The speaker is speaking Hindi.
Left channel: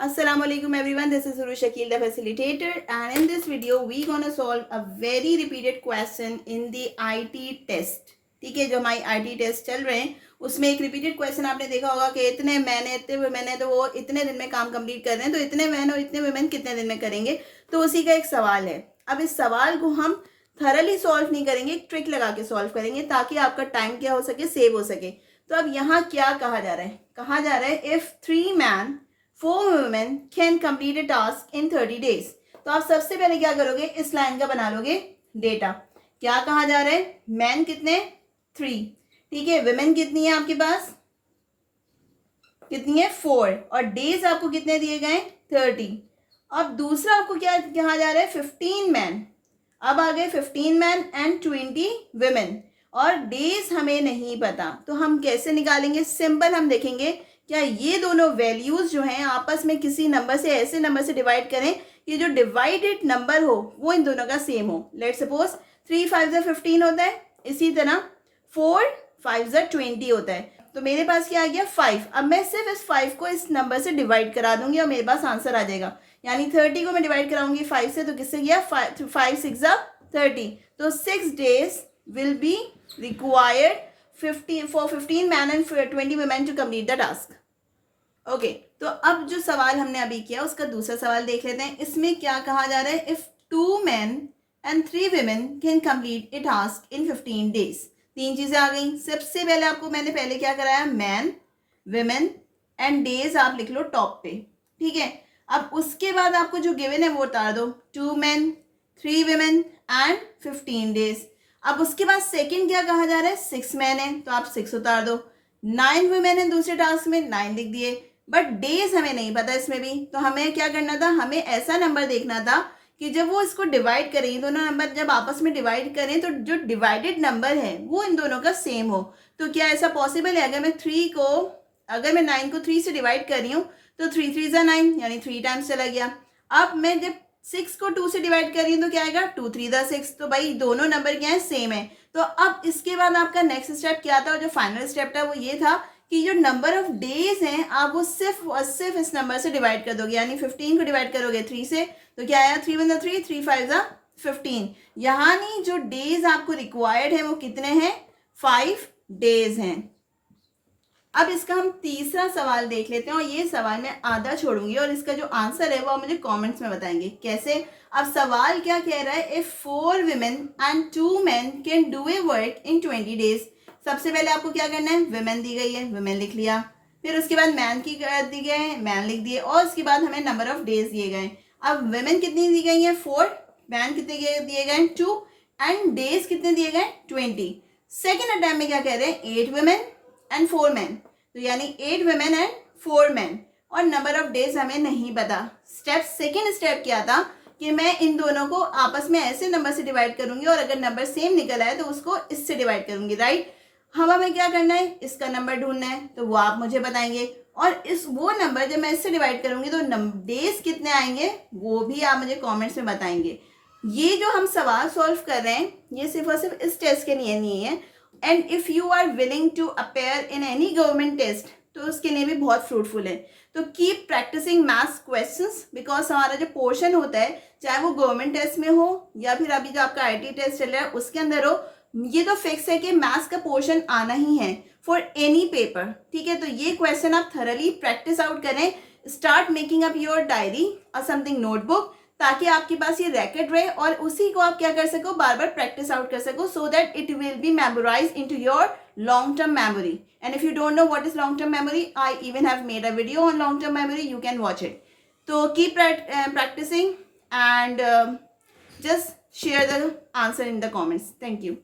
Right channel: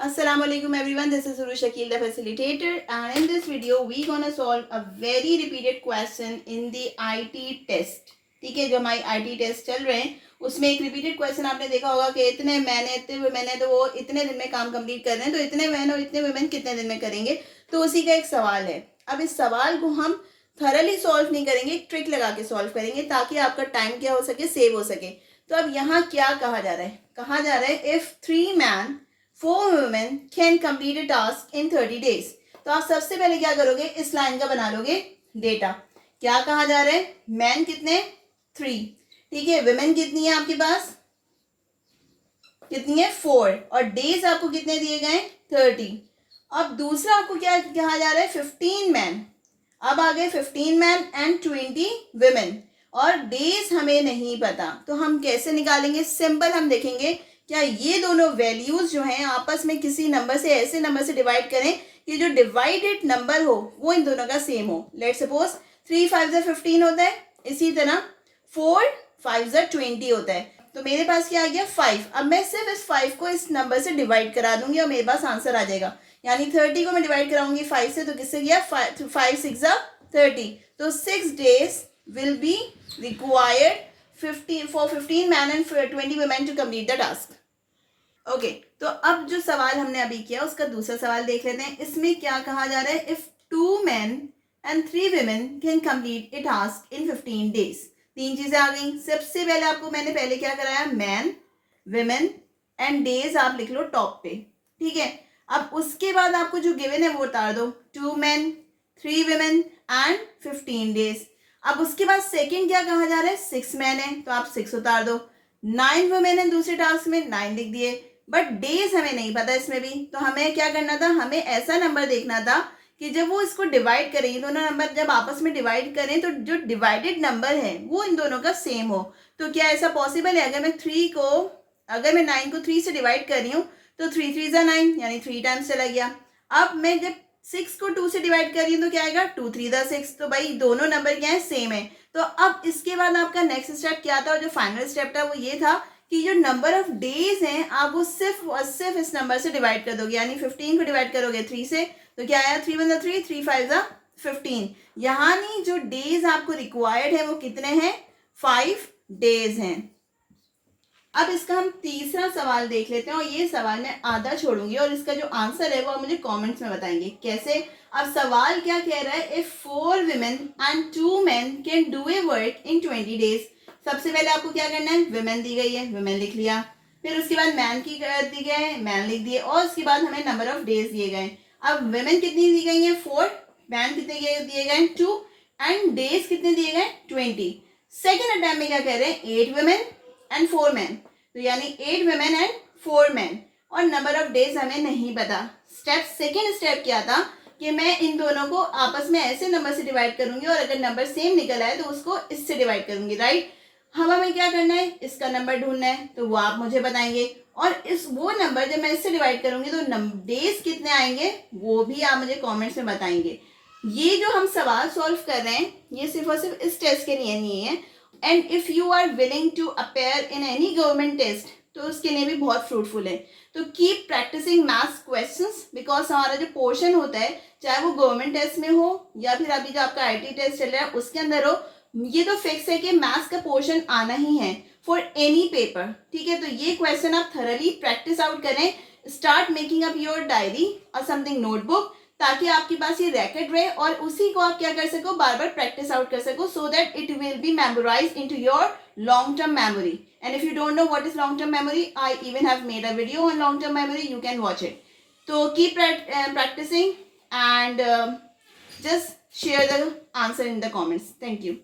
Assalamu alaikum everyone, this is Uru Shakil, the facilitator, and in this video we gonna solve a very repeated question in the IT test. ठीक है, जो हमारे IT टेस्ट चल रहे हैं उसमें एक रिपीटेड क्वेश्चन आपने देखा होगा कि इतने मैन है इतने वुमेन है तो वो इतने दिन में काम कंप्लीट कर रहे हैं, तो इतने मैन और इतने वुमेन कितने दिन में करेंगे। तो उसी का एक सवाल है। अब इस सवाल को हम थरली सॉल्व नहीं करेंगे, एक ट्रिक लगा के सॉल्व करेंगे ताकि आपका टाइम क्या हो सके, सेव हो सके। तो अब यहाँ क्या कहा जा रहा है, कहा जा रहा है if 3 man 4 women can complete a task in 30 days। तो आप सबसे पहले क्या करोगे, इस लाइन का बना लोगे डेटा। क्या कहा जा रहा है, मैन कितने 3, ठीक है, वुमेन कितनी है आपके पास, कितनी है 4, और डेज आपको कितने दिए गए 30। अब दूसरा आपको क्या कहा जा रहा है 15 मैन। अब आ गए 15 मैन एंड 20 वुमेन, और डेज हमें नहीं पता। तो हम कैसे निकालेंगे, सिंपल हम देखेंगे क्या ये दोनों वैल्यूज जो हैं आपस में किसी नंबर से, ऐसे नंबर से डिवाइड करें कि जो डिवाइडेड नंबर हो वो इन दोनों का सेम हो। लेट सपोज 3 5 15 होता है, इसी तरह 4 5 20 होता है। तो मेरे पास क्या आ गया 5। अब मैं सिर्फ इस 5 को इस नंबर से डिवाइड करा दूंगी और मेरे पास आंसर आ जाएगा। यानी 30 को मैं डिवाइड कराऊंगी 5 से, तो किससे गया 5 6 30। तो 6 days will be required 15 man and 20 women to complete the task. Okay, तो अब जो सवाल हमने अभी किया उसका दूसरा सवाल देख लेते हैं। इसमें क्या कहा जा रहा है, if 2 men and 3 women can complete a task in 15 days। 3 चीजें आ गई। सबसे पहले आपको मैंने पहले क्या कराया, मैन women एंड डेज आप लिख लो टॉप पे, ठीक है। अब उसके बाद आपको जो गिवन है वो उतार दो, 2 men 3 women एंड 15 days। अब उसके बाद सेकंड क्या कहा जा रहा है, 6 मैन है तो आप 6 उतार दो, 9 वुमेन है दूसरे टास्क में 9 लिख दिए, बट डेज हमें नहीं पता इसमें भी। तो हमें क्या करना था, हमें ऐसा नंबर देखना था कि जब वो इसको डिवाइड करें, दोनों नंबर जब आपस में डिवाइड करें तो जो डिवाइडेड नंबर है वो इन दोनों का सेम हो। तो क्या ऐसा पॉसिबल है, अगर मैं 9 को 3 से डिवाइड कर रही हूँ तो 3 3 ज़ा 9 यानी 3 टाइम्स चला गया। अब मैं जब 6 को 2 से डिवाइड कर रही हूँ तो क्या आएगा 2 3 ज़ा 6। तो भाई दोनों नंबर क्या है, सेम है। तो अब इसके बाद आपका नेक्स्ट स्टेप क्या था, और जो फाइनल स्टेप था वो ये था कि जो नंबर ऑफ डेज हैं आप वो सिर्फ इस नंबर से डिवाइड कर दोगे। यानी 15 को डिवाइड करोगे 3 से तो क्या आया 3 1 3 3 5 15। यानी जो डेज आपको रिक्वायर्ड है वो कितने हैं, 5 डेज हैं। अब इसका हम तीसरा सवाल देख लेते हैं, और ये सवाल मैं आधा छोड़ूंगी और इसका जो आंसर है वो आप मुझे कमेंट्स में बताएंगे कैसे। अब सवाल क्या कह रहा है, if 4 women and 2 men can do a work in 20 days। सबसे पहले आपको क्या करना है, वुमेन दी गई है वुमेन लिख लिया, फिर उसके बाद मैन की दी गए हैं मैन लिख दिए, और उसके बाद हमें नंबर ऑफ डेज दिए गए। अब वुमेन कितनी दी गई है 4, मैन कितने दिए गए 2, एंड डेज कितने दिए गए 20। सेकेंड अटैम्प्ट में क्या कह रहे हैं, 8 women एंड 4 men। तो यानी 8 women एंड 4 men, और नंबर ऑफ डेज हमें नहीं पता। सेकेंड स्टेप क्या था कि मैं इन दोनों को आपस में ऐसे नंबर से डिवाइड करूंगी, और अगर नंबर सेम निकल आए तो उसको इससे डिवाइड करूंगी, राइट। हमें क्या करना है, इसका नंबर ढूंढना है, तो वो आप मुझे बताएंगे, और वो नंबर जब मैं इससे डिवाइड करूंगी तो डेज कितने आएंगे वो भी आप मुझे कमेंट्स में बताएंगे। ये जो हम सवाल सॉल्व कर रहे हैं ये सिर्फ और सिर्फ इस टेस्ट के लिए नहीं है, and if you are willing to appear in any government test तो उसके लिए भी बहुत फ्रूटफुल है। तो keep practising maths questions, because हमारा जो पोर्शन होता है चाहे वो गवर्नमेंट टेस्ट में हो या फिर अभी जो आपका IT टेस्ट चल रहा है उसके अंदर हो, ये तो फिक्स है कि मैथ्स का पोर्शन आना ही है फॉर एनी पेपर, ठीक है। तो ये क्वेश्चन आप थरली प्रैक्टिस आउट करें, start making up your diary और समथिंग नोटबुक, ताकि आपके पास ये रैकेट रहे और उसी को आप क्या कर सको, बार बार प्रैक्टिस आउट कर सको, so that it will be memorise into your long term memory। and if you don't know what is long term memory, I even have made a video on long term memory, you can watch it। so keep practicing and just share the answer in the comments। thank you।